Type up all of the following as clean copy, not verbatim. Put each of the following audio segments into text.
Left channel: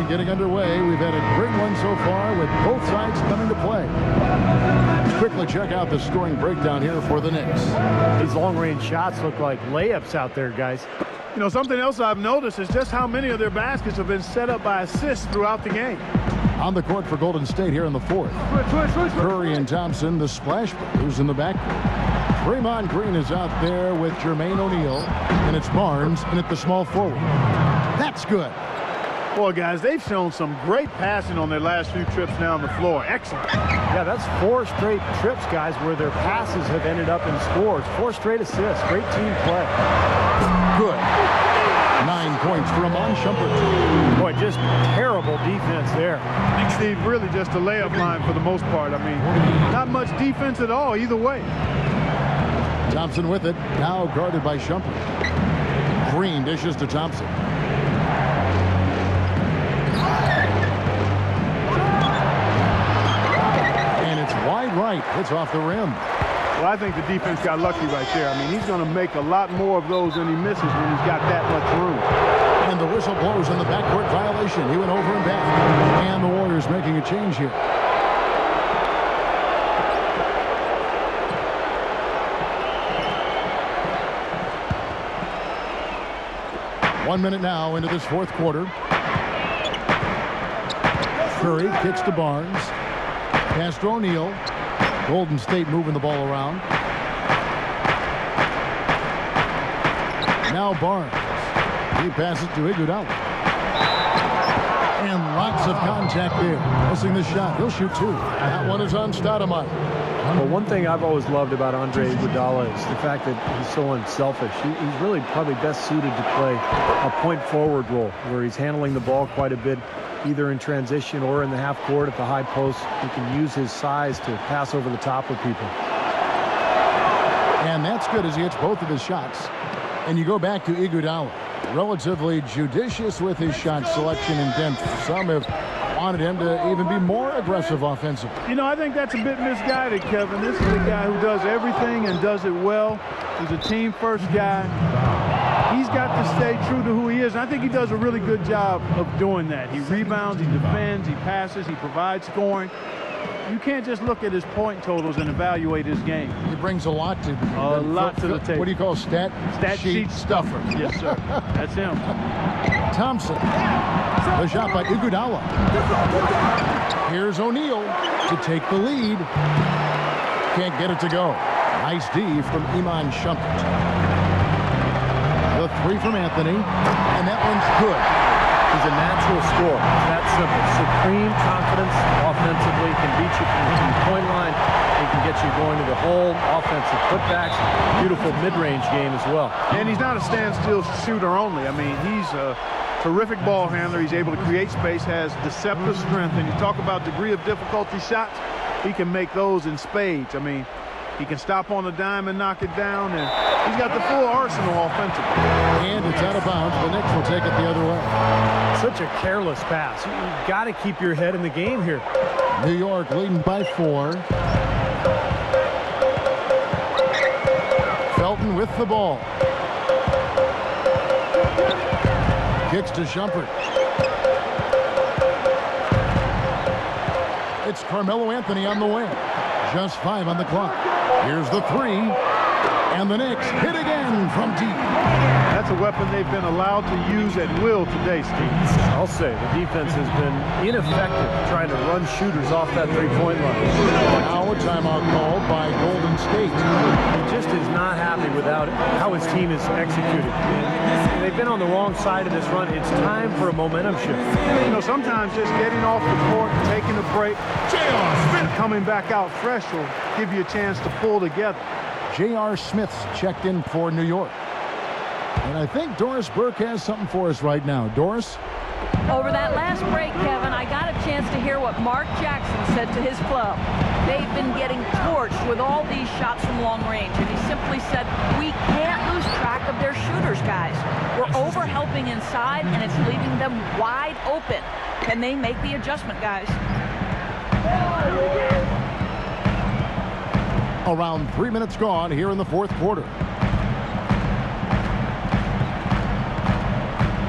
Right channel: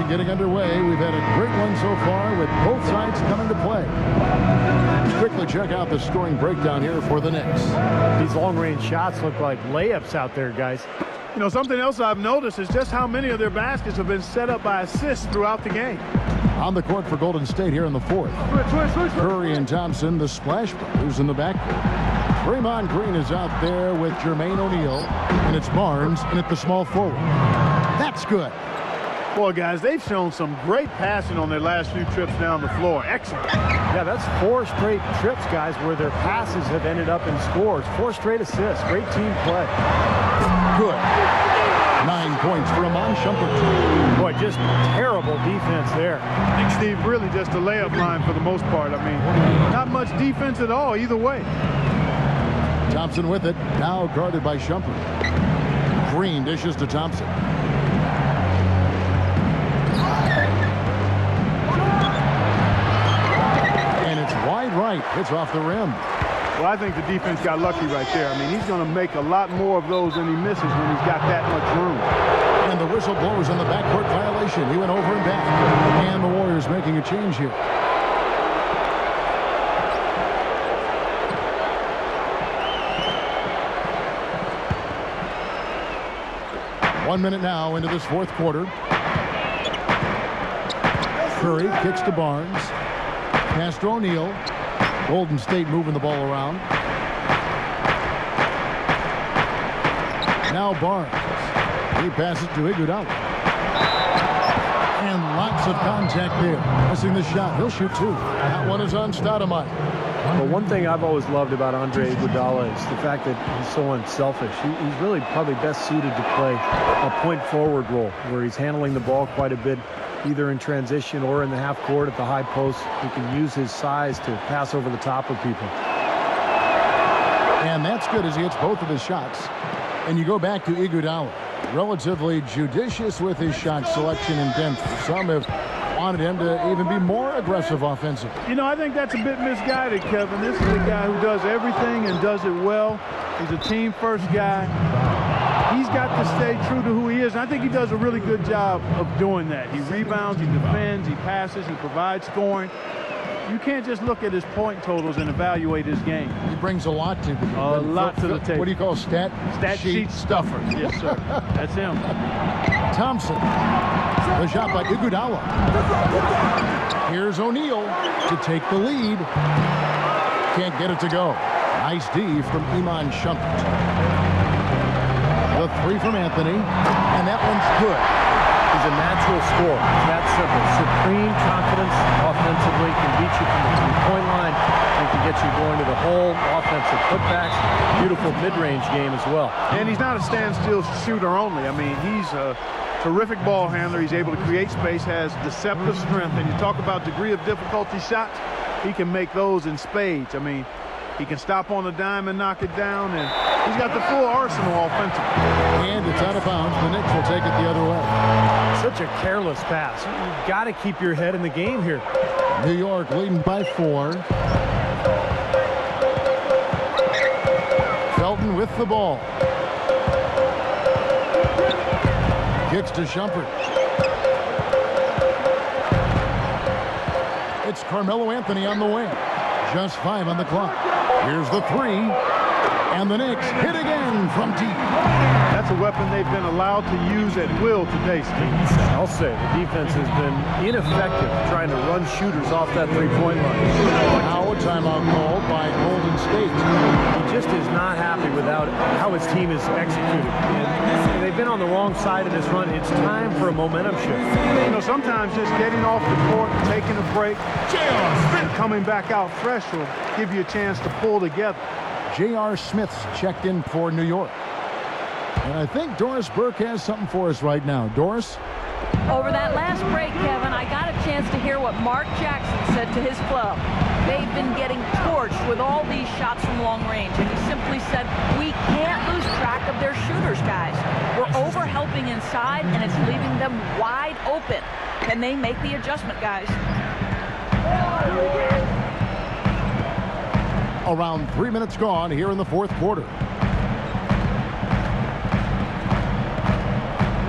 action getting underway. We've had a great one so far with both sides coming to play. Let's quickly check out the scoring breakdown here for the Knicks. These long-range shots look like layups out there, guys. You know, something else I've noticed is just how many of their baskets have been set up by assists throughout the game. On the court for Golden State here in the fourth. Curry and Thompson, the Splash Brothers in the backcourt. Draymond Green is out there with Jermaine O'Neal, and it's Barnes in at the small forward. That's good. Boy, guys, they've shown some great passing on their last few trips down the floor. Excellent. Yeah, that's 4 straight trips, guys, where their passes have ended up in scores. 4 straight assists. Great team play. Good. 9 points for Iman Shumpert. Boy, just terrible defense there. Steve, really just a layup line for the most part. I mean, not much defense at all either way. Thompson with it, now guarded by Shumpert. Green dishes to Thompson. And it's wide right. Hits off the rim. Well, I think the defense got lucky right there. I mean, he's going to make a lot more of those than he misses when he's got that much room. And the whistle blows on the backcourt violation. He went over and back. And the Warriors making a change here. One minute now into this fourth quarter. Curry kicks to Barnes. Pass to O'Neal. Golden State moving the ball around. Now Barnes. He passes to Iguodala. And lots of contact there. Missing the shot. He'll shoot 2. That one is on Stoudemire. Well, one thing I've always loved about Andre Iguodala is the fact that he's so unselfish. He's really probably best suited to play a point forward role where he's handling the ball quite a bit, either in transition or in the half court at the high post. He can use his size to pass over the top of people. And that's good as he hits both of his shots. And you go back to Iguodala. Relatively judicious with his shot selection in Denver. Some have wanted him to even be more aggressive offensively. You know, I think that's a bit misguided, Kevin. This is a guy who does everything and does it well. He's a team-first guy. He's got to stay true to who he is. And I think he does a really good job of doing that. He rebounds, he defends, he passes, he provides scoring. You can't just look at his point totals and evaluate his game. He brings a lot to the game. A lot to the table. What do you call stat sheet stuffer? Yes, sir. That's him. Thompson. The shot by Iguodala. Here's O'Neal to take the lead. Can't get it to go. Nice D from Iman Shumpert. The 3 from Anthony. And that one's good. He's a natural scorer. It's that simple. Supreme confidence offensively. Can beat you from the 3-point line. He can get you going to the hole. Offensive putbacks. Beautiful mid-range game as well. And he's not a standstill shooter only. I mean, he's a terrific ball handler. He's able to create space, has deceptive strength. And you talk about degree of difficulty shots, he can make those in spades. I mean, he can stop on a dime and knock it down, and he's got the full arsenal offensively. And it's out of bounds. The Knicks will take it the other way. Such a careless pass. You've got to keep your head in the game here. New York leading by 4. Felton with the ball. Kicks to Shumpert. It's Carmelo Anthony on the wing. Just 5 on the clock. Here's the 3. And the Knicks hit again from deep. That's a weapon they've been allowed to use at will today, Steve. I'll say the defense has been ineffective trying to run shooters off that 3-point line. Now a timeout called by Golden State. He just is not happy with how his team is executing. And they've been on the wrong side of this run. It's time for a momentum shift. You know, sometimes just getting off the court, taking a break, and coming back out fresh will give you a chance to pull together. J.R. Smith's checked in for New York. And I think Doris Burke has something for us right now. Doris? Over that last break, Kevin, I got a chance to hear what Mark Jackson said to his club. They've been getting torched with all these shots from long range, and he simply said, we can't lose track of their shooters, guys. We're over-helping inside, and it's leaving them wide open. Can they make the adjustment, guys? Around 3 minutes gone here in the fourth quarter.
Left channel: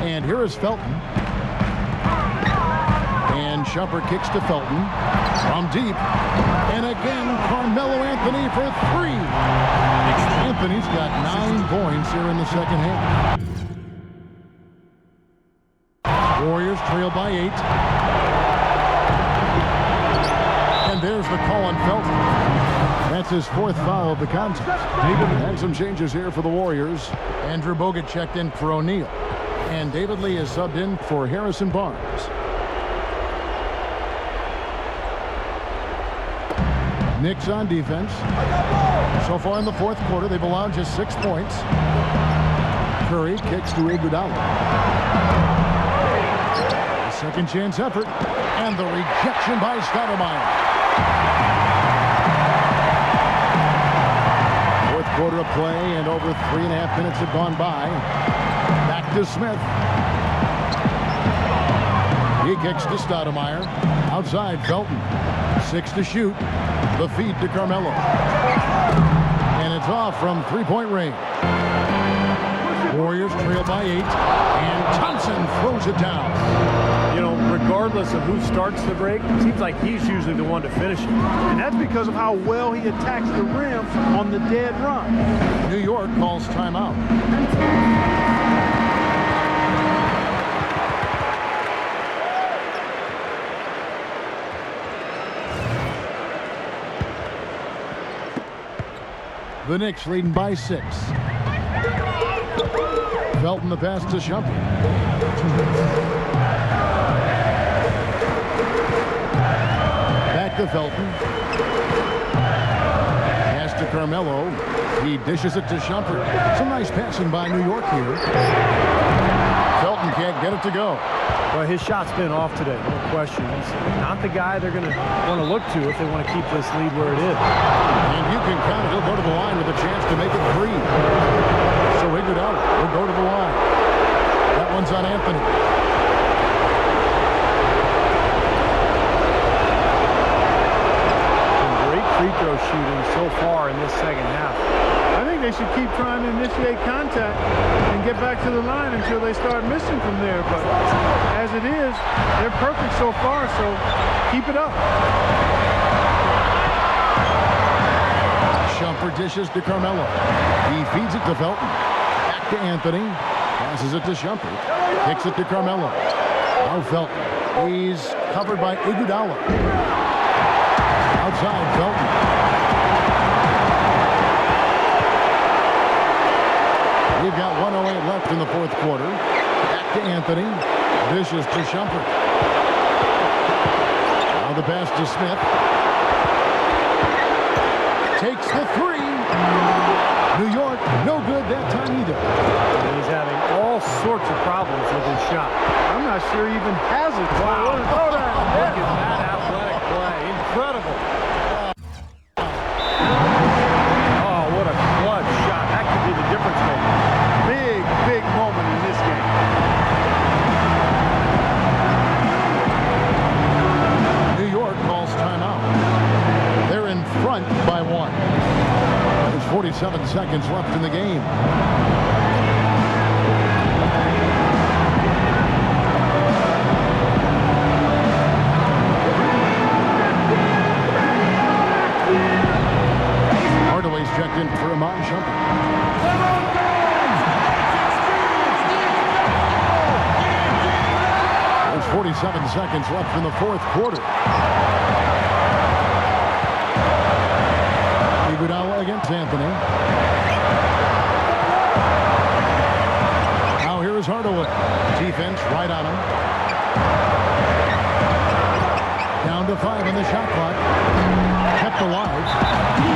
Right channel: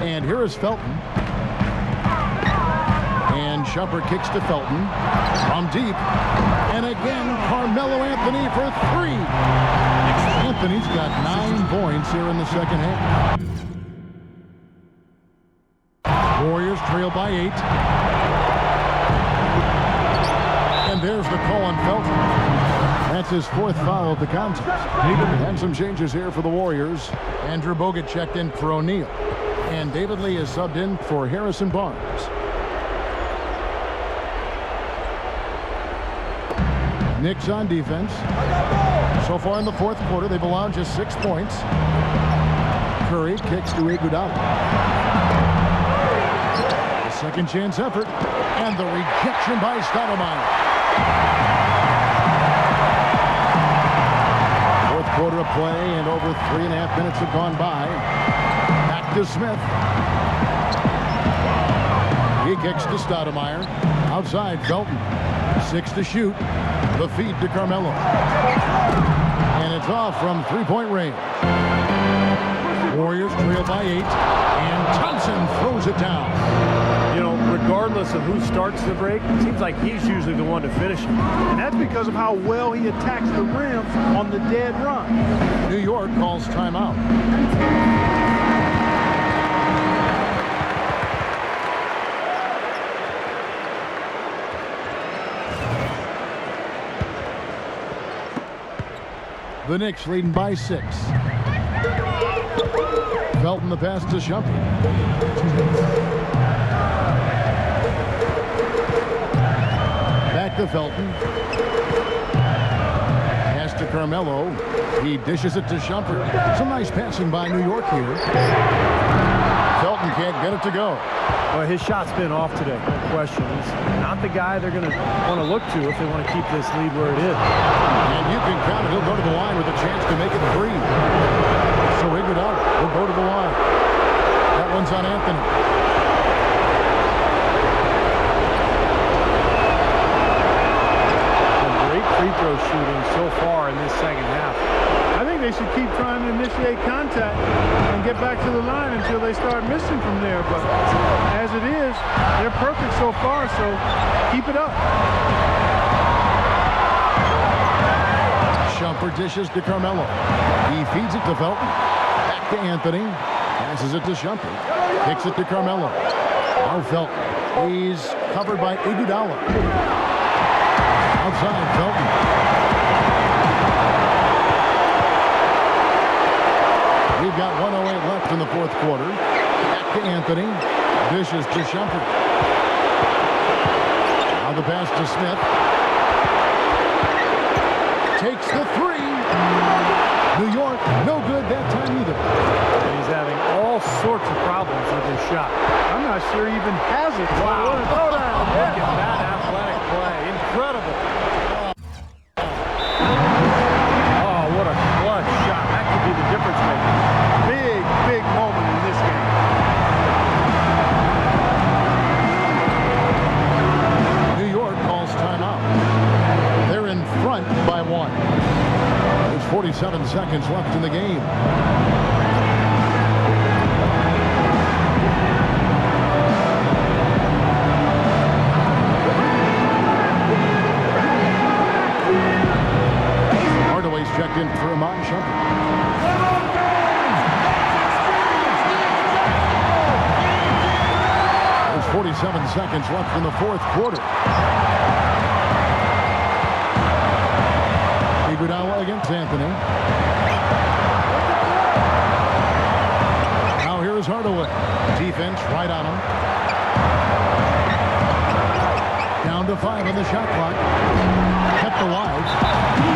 And here is Felton. And Shumpert kicks to Felton from deep. And again, Carmelo Anthony for 3. Anthony's got 9 points here in the second half. Warriors trail by 8. And there's the call on Felton. That's his 4th foul of the contest. And some changes here for the Warriors. Andrew Bogut checked in for O'Neal. And David Lee is subbed in for Harrison Barnes. Knicks on defense. So far in the 4th quarter, they've allowed just 6 points. Curry kicks to Iguodala. The second chance effort. And the rejection by Stoudemire. 4th quarter of play, and over 3.5 minutes have gone by. Back to Smith. He kicks to Stoudemire. Outside, Felton. 6 to shoot. The feed to Carmelo. And it's off from 3-point range. Warriors trail by 8. And Thompson throws it down. You know, regardless of who starts the break, it seems like he's usually the one to finish it. And that's because of how well he attacks the rim on the dead run. New York calls timeout. The Knicks leading by 6. Felton the pass to Shumpert. Back to Felton. Pass to Carmelo. He dishes it to Shumpert. Some nice passing by New York here. Felton can't get it to go. Well, his shot's been off today, no question. He's not the guy they're going to want to look to if they want to keep this lead where it is. And you can count it. He'll go to the line with a chance to make it 3. So Iguodala will go to the line. That one's on Anthony. Some great free throw shooting so far in this second half. I think they should keep trying to initiate contact and get back to the line until they start missing from there. But as it is, they're perfect so far, so keep it up. Shumpert dishes to Carmelo. He feeds it to Felton. Back to Anthony. Passes it to Shumpert. Kicks it to Carmelo. Now Felton. He's covered by Iguodala. Outside, Felton. We've got 1:08 left in the 4th quarter. Back to Anthony. Dishes to Shumpert. Now the pass to Smith. Takes the 3. New York, no good that time either. And he's having all sorts of problems with his shot. I'm not sure he even has it. Wow. What a throwdown. Look at that athletic play. Incredible. Oh, what a clutch shot. That could be the difference maker. Big, big moment in this game. New York calls timeout. They're in front by 1. There's 47 seconds left in the game. Hardaway's checked in for Iman Shumpert. There's 47 seconds left in the 4th quarter. Iguodala against Anthony. Now here is Hardaway. Defense right on him. Down to 5 on the shot clock. Kept alive.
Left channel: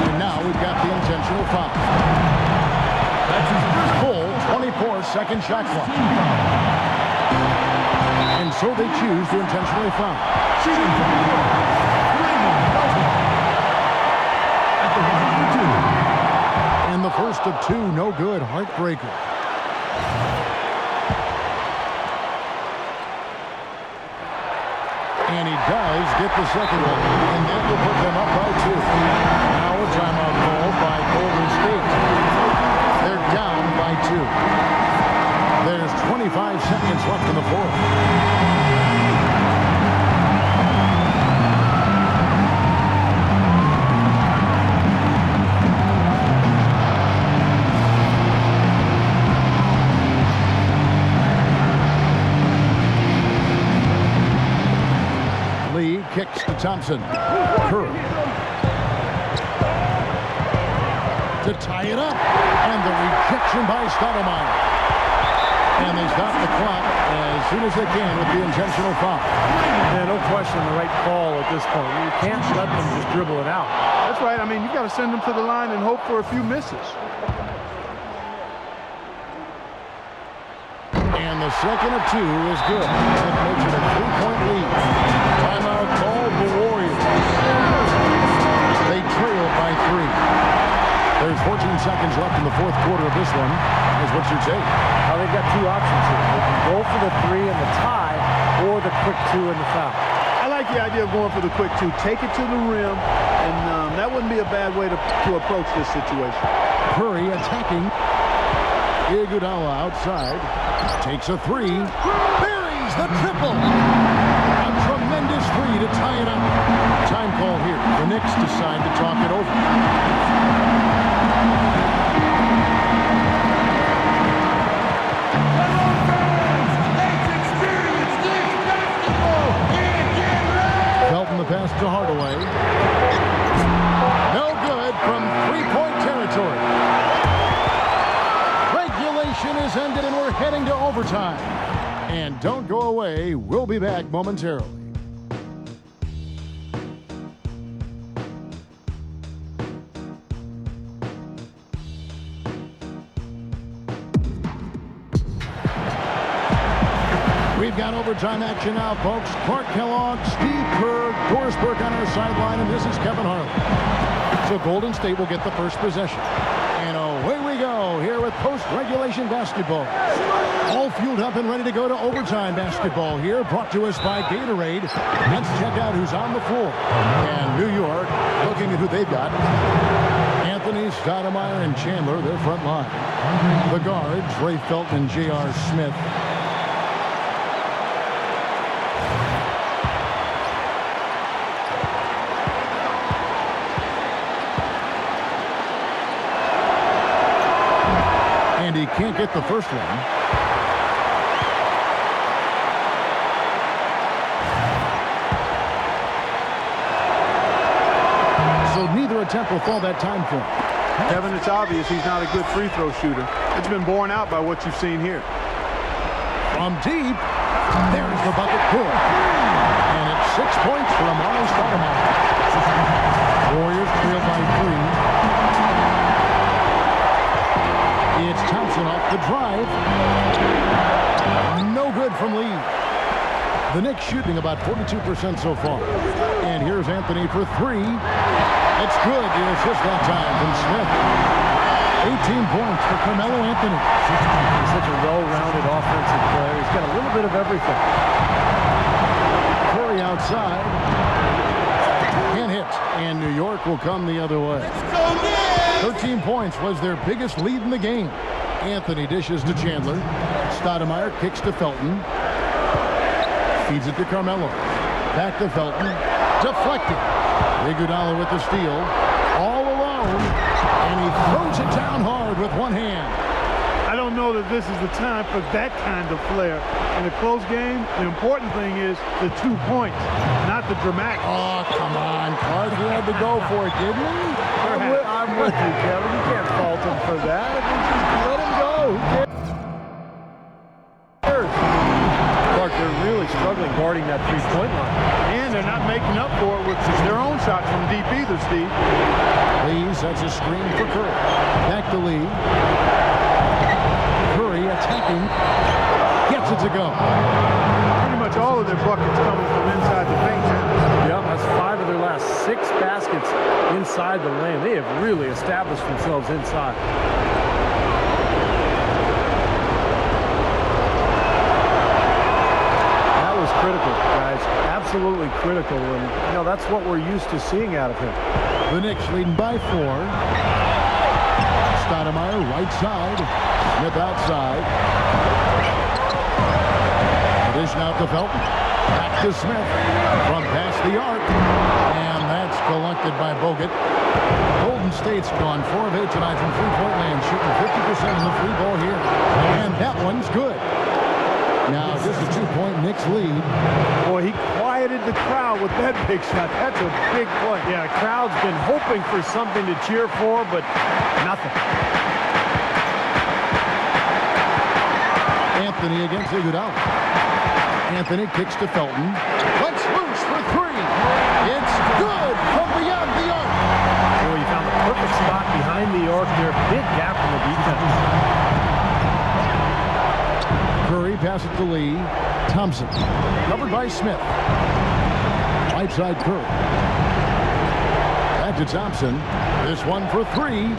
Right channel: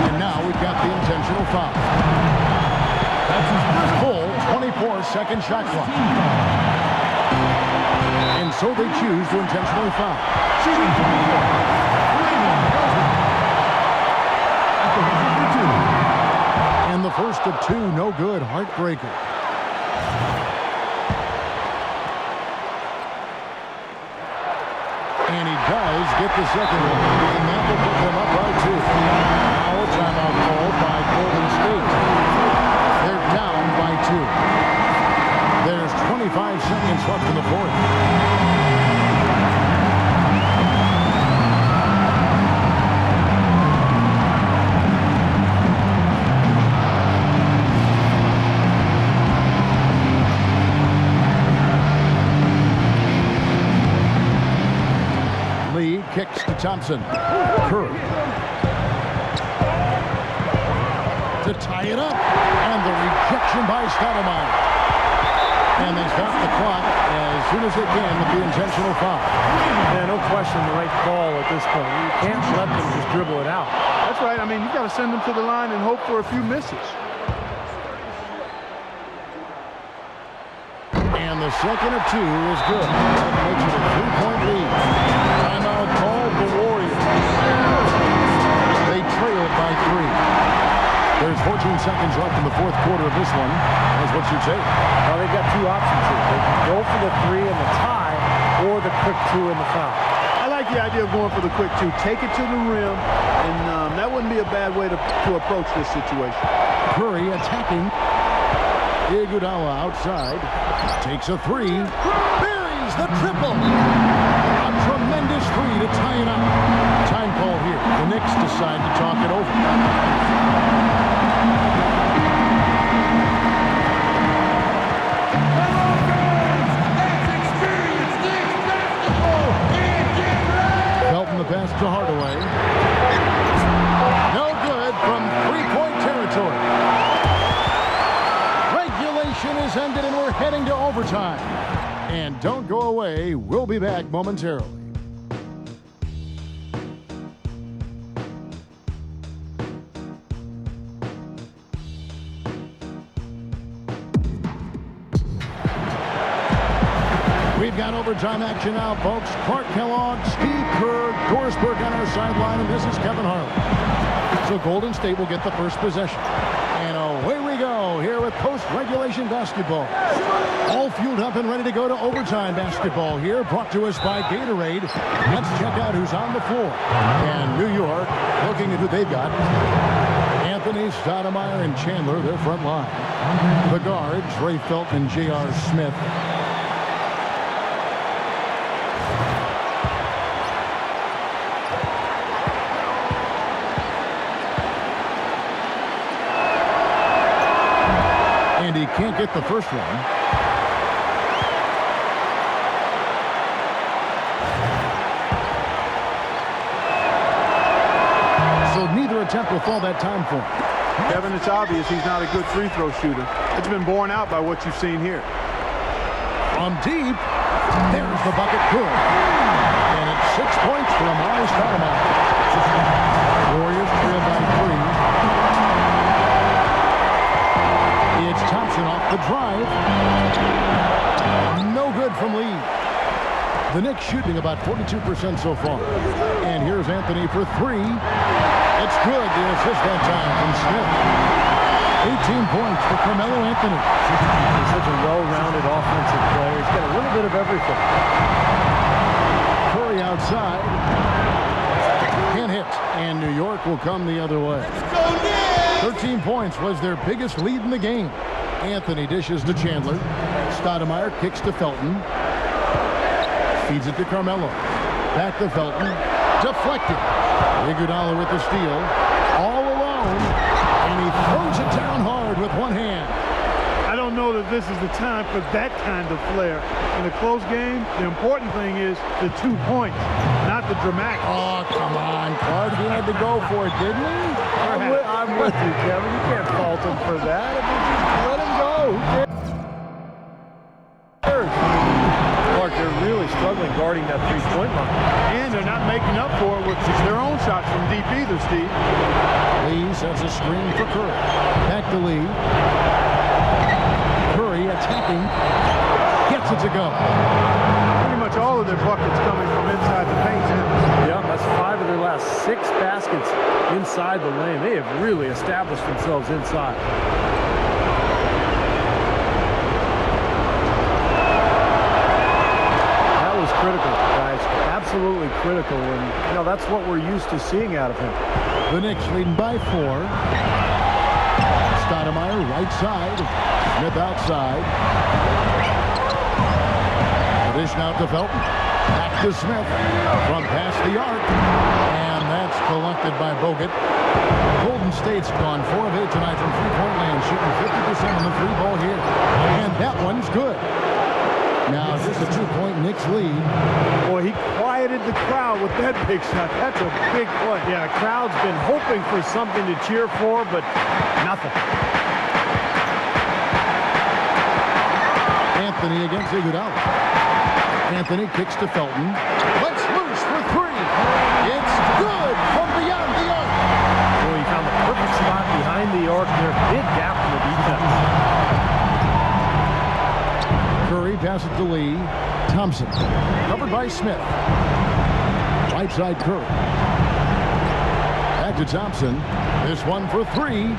And now we've got the intentional foul. Full 24-second shot clock. And so they choose to intentionally foul. And the first of 2, no good. Heartbreaker. And he does get the second one. And that will put them up by 2. Now a timeout called by Golden State. They're down by 2. There's 25 seconds left in the 4th. Lee kicks to Thompson. Curry to tie it up, and the rejection by Stoudemire. And they stop the clock as soon as they can with the intentional foul. Yeah, no question the right call at this point. You can't let them just dribble it out. That's right. I mean, you've got to send them to the line and hope for a few misses. And the second of two is good. That makes it a 3-point lead. Timeout called the Warriors. They trailed by 3. There's 14 seconds left in the fourth quarter of this one. Guys, what's your take? Well, they've got two options here. They can go for the 3 and the tie, or the quick 2 and the foul. I like the idea of going for the quick 2. Take it to the rim, and that wouldn't be a bad way to approach this situation. Curry attacking. Iguodala outside. Takes a 3. Buries the triple. A tremendous 3 to tie it up. Time call here. The Knicks decide to talk it over. Felton the pass to Hardaway. No good from 3-point territory. Regulation is ended and we're heading to overtime. And don't go away. We'll be back momentarily. We've got overtime action now, folks. Clark Kellogg, Steve Kerr, Doris Burke on our sideline, and this is Kevin Harlan. So Golden State will get the first possession. And away we go here with post-regulation basketball. All fueled up and ready to go to overtime basketball here, brought to us by Gatorade. Let's check out who's on the floor. And New York, looking at who they've got. Anthony, Stoudemire, and Chandler, their front line. The guards, Ray Felton and J.R. Smith. And he can't get the first one. So neither attempt will fall that time for him. Kevin, it's obvious he's not a good free throw shooter. It's been borne out by what you've seen here. From deep, there's the bucket, good. And it's 6 points for Amari Stoudemire. Warriors trail by 3. It's Thompson off the drive. No good from Lee. The Knicks shooting about 42% so far. And here's Anthony for 3. It's good. The assist that time from Smith. 18 points for Carmelo Anthony. He's such a well-rounded offensive player. He's got a little bit of everything. Curry outside. Can't hit. And New York will come the other way. 13 points was their biggest lead in the game. Anthony dishes to Chandler. Stoudemire kicks to Felton. Feeds it to Carmelo. Back to Felton. Deflected. Iguodala with the steal. All alone. And he throws it down hard with one hand. I don't know that this is the time for that kind of flair. In a close game, the important thing is the 2 points, not the dramatic. Oh, come on, Clark. He had to go for it, didn't he? I'm with you, Kevin. You can't fault him for that. I mean, just let him go. Who cares? Clark, they're really struggling guarding that 3-point line. And they're not making up for it with their own shots from deep either, Steve. Lee sets a screen for Curry. Back to Lee. Curry attacking. Gets it to go. Pretty much all of their buckets coming from inside the paint now. Yeah, that's 5 of their last 6 baskets inside the lane. They have really established themselves inside. That was critical, guys. Absolutely critical. And, you know, that's what we're used to seeing out of him. The Knicks leading by 4. Stoudemire right side. Smith outside. Dish out to Felton. Back to Smith. From past the arc. And that's collected by Bogut. Golden State's gone 4 of 8 tonight from 3-point land, shooting 50% on the 3 ball here. And that one's good. Now just a 2-point Knicks lead. Boy, he quieted the crowd with that big shot. That's a big play. Yeah, the crowd's been hoping for something to cheer for, but nothing. Anthony against Iguodala. Anthony kicks to Felton. Lets loose for three. It's good from beyond the arc. Boy, he found the perfect spot behind the arc there. Big gap in the defense. Curry passes to Lee. Thompson covered by Smith. Right side Curry. Back to Thompson. This one for three.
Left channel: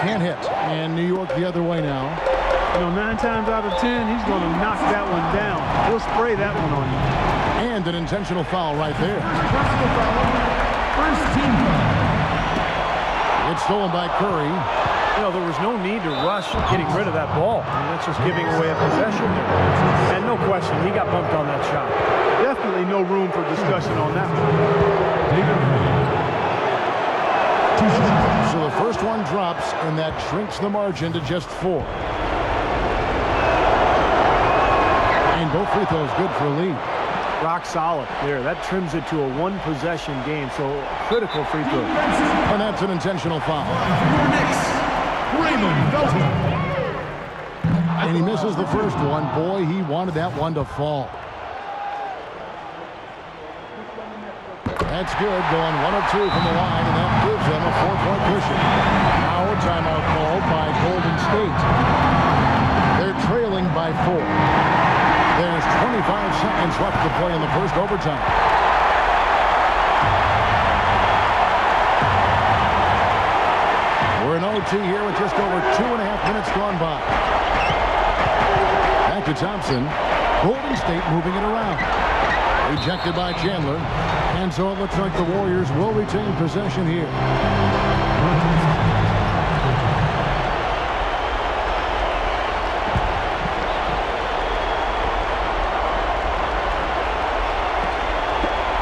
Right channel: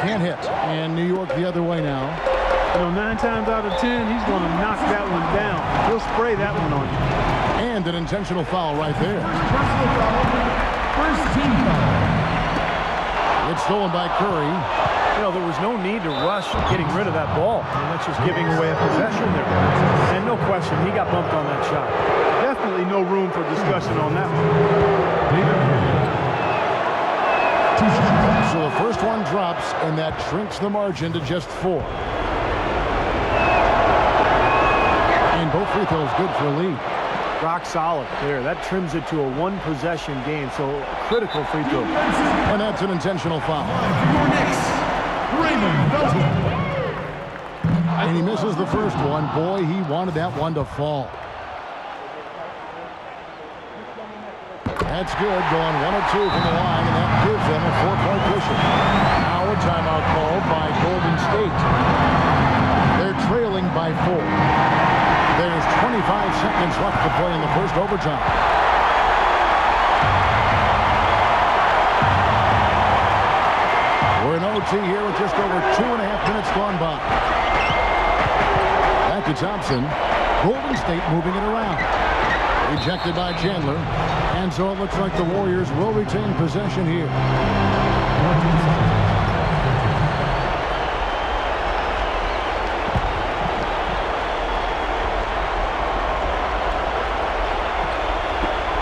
Can't hit. And New York the other way now. You know, 9 times out of 10, he's going to knock that one down. He'll spray that one on you. And an intentional foul right there. It's stolen by Curry. You know, there was no need to rush getting rid of that ball. I mean, that's just giving away a possession there. And no question, he got bumped on that shot. Definitely no room for discussion on that one. So the first one drops, and that shrinks the margin to just 4. And both free throws good for Lee. Rock solid there. That trims it to a 1-possession game, so a critical free throw. And that's an intentional foul. And he misses the first one. Boy, he wanted that one to fall. That's good, going 1 of 2 from the line, and that gives them a 4-point cushion. Now a timeout called by Golden State. They're trailing by 4. There's 25 seconds left to play in the first overtime. We're in OT here with just over 2.5 minutes gone by. Back to Thompson. Golden State moving it around. Rejected by Chandler. And so it looks like the Warriors will retain possession here.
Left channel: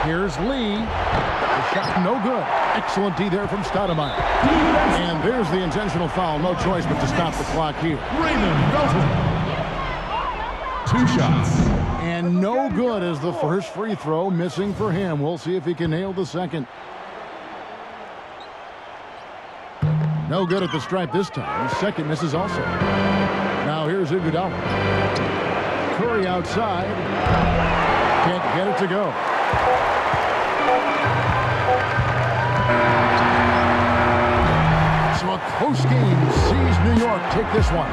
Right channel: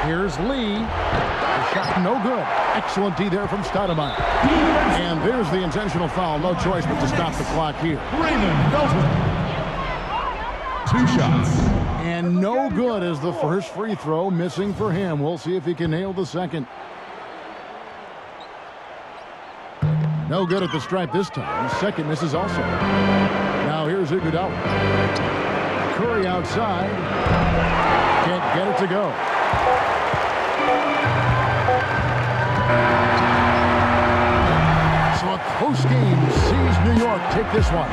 Here's Lee. The shot no good. Excellent D there from Stoudemire. And there's the intentional foul. No choice but to stop the clock here. 2 shots. And no good as the first free throw missing for him. We'll see if he can nail the second. No good at the stripe this time. Second misses also. Now here's Iguodala. Curry outside. Can't get it to go. So a close game sees New York take this one.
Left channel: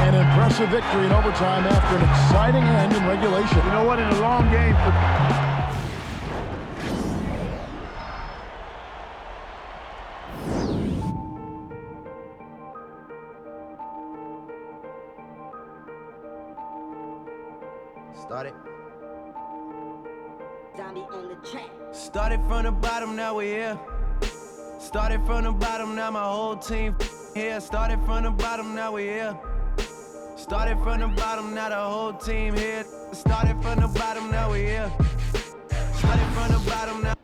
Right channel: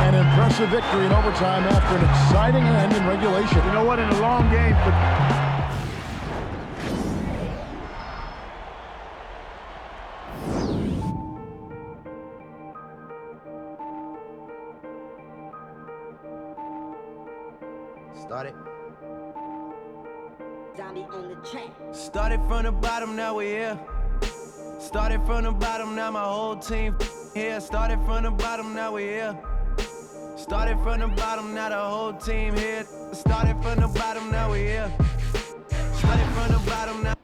An impressive victory in overtime after an exciting end in regulation. You know what? In a long game for... Started. Zombie on the track. Started from the bottom, now we're here. Started from the bottom, now my whole team here. Started from the bottom, now we're here. Started from the bottom, now the whole team here. Started from the bottom, now we're here. Started from the bottom, now.